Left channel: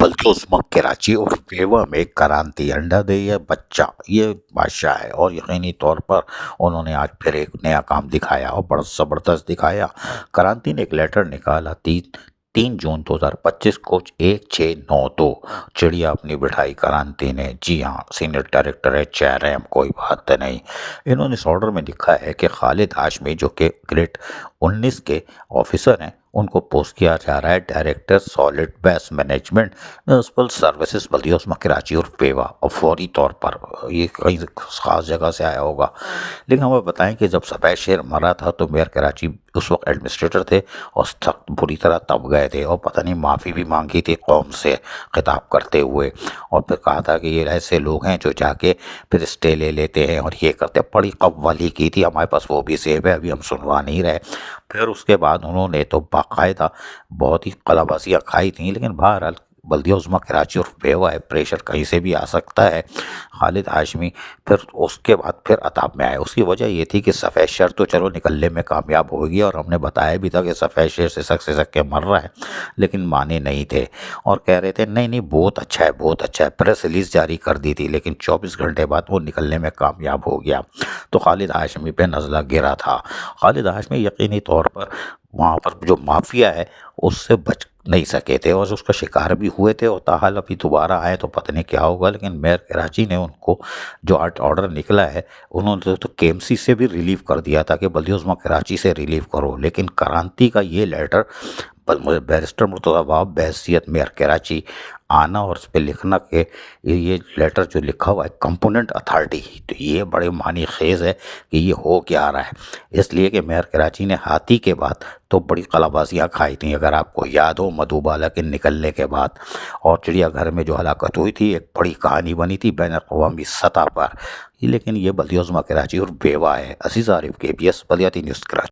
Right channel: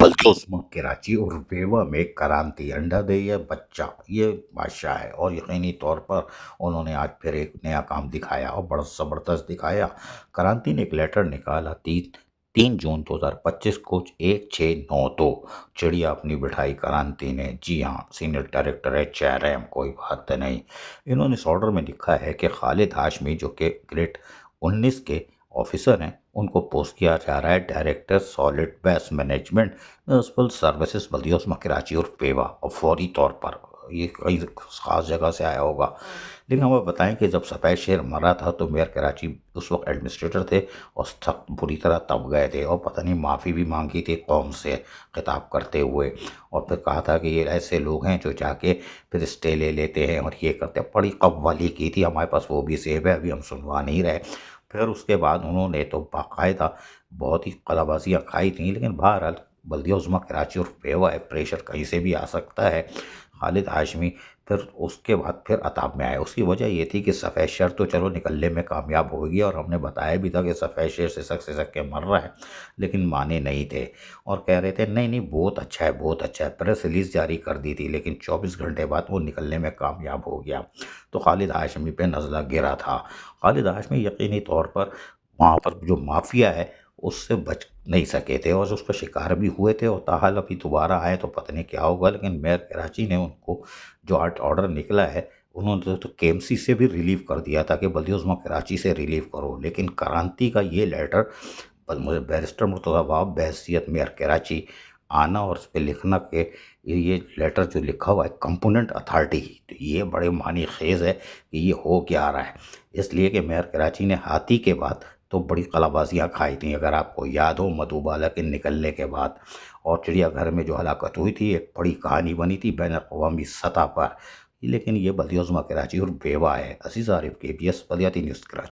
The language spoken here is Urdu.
بلکہ عظمی کراچی اور ویوا میں کرانتی انڈا دے یا بچہ یہ بادشاہ ہے، اور یقینی طور پر انہوں نے آج پھر ایک نیا کام دکھایا اور بڑا زبردست دکھایا۔ کرانتی نے ایک لیٹر نکالا 3 جون 2025 کو 1692۔ چڑیا اپنی بٹھائی کرانتی نے، جی ہاں سینئر ڈائریکٹر HRM، کوئی بات نہیں۔ انہوں نے اس آرڈر میں لکھا ہے کہ خالد ہاشمی جو کہ گریڈ 19 کے آفیسر ہیں، ان کو پوسٹ کیا جا رہا ہے director solid waste management municipal services بلدیہ عظمی کراچی اور پیوا، اور فوری طور پر۔ یہ کئی خاص جگہ سے آیا ہوگا، لیکن ہمیں بتائیں کہ جب سفید شیر مرا تھا تو میئر کراچی اس وقت ایڈمنسٹریٹر تھے اور سخت بری طرح تپ گئے تھے، اور پتہ نہیں معافی بھی مانگی تھی قوم سے خطاب کرتے ہوئے، اور پھر کہا تھا کہ یہ ایسے لوگ ہیں جو جا کے پھر اسٹے لے لیتے ہیں اور یہ کرتے ہیں۔ بڑی قوالی کی تھی، ہمارے پاس وہ بھی سیو ہے، ابھی ہم سنوا نہیں رہے۔ پھر اس کے بعد انہوں نے تو باقاعدہ بہت ہی قلابازیاں کھائی تھیں، لیکن بہرحال بلدیہ عظمی کراچی اور پیوا ہے، پریشر کہیں سے بھی آ سکتا ہے۔ خالد ہاشمی پھر اس کے بعد پھر عطاب میں آئے۔ اس کی وجہ یہ تھی کہ سفید شیر تو چلو نکلنے میں کامیاب ہو گیا، اور ہم نے بتایا بھی تھا کہ سفید شیر سسک کے مر رہا ہے، لیکن مانے نہیں تھے اور کہہ رہے تھے نہیں نہیں بہت اچھا ہے بہت اچھا ہے۔ پریس ریلیز جاری کر دی تھی، لیکن 24 گھنٹے بعد وہ نکلنے میں کامیاب ہو گیا، تو خالد ہاشمی پہ نزلہ گرا تھا۔ خالد ہاشمی یقینی طور پر وہاں پر جو مافیا ہے اس سے بچ نہیں سکے تھے، اور اس کا شکار بھی ہوئے تھے، اور تاحال ابھی دوبارہ آئے تو پتہ نہیں کیا ہوگا۔ لیکن میئر کراچی نے ان کو جو آرڈر نکلا ہے، انہوں نے تو KMC سے بھی ریلیو کر دیا تھا کہ بلدیہ عظمی کراچی سے ریلیو کرو، لیکن کرانتی کا یہ لیٹر بیرسٹر مرتضیٰ وہاب بحیثیت میئر کراچی آنا اور اس پہ لکھنا کہ یہ لیٹر جو لکھا ہوا ہے کمپوننٹ اتھارٹی، تو یہ بڑے معنی خیز ہے کہ یہ ہو کیا رہا ہے۔ اس لیے کہ میئر کراچی نے ہاتھی کے بعد تو بڑی قلابازیاں کھائی تھیں، اگر آپ کو یاد ہو مدھوبالا کے نکلنے کے بعد، اور چڑیا گھر میں جو ہلاکت ہوئی تھی ایک بڑی کہانی بنی تھی بین الاقوامی سطح پر۔ لیکن یہ بلدیہ عظمی کراچی اور بیوا ہے۔ عزیز عارف KBS بلیاتی نیوز کراچی۔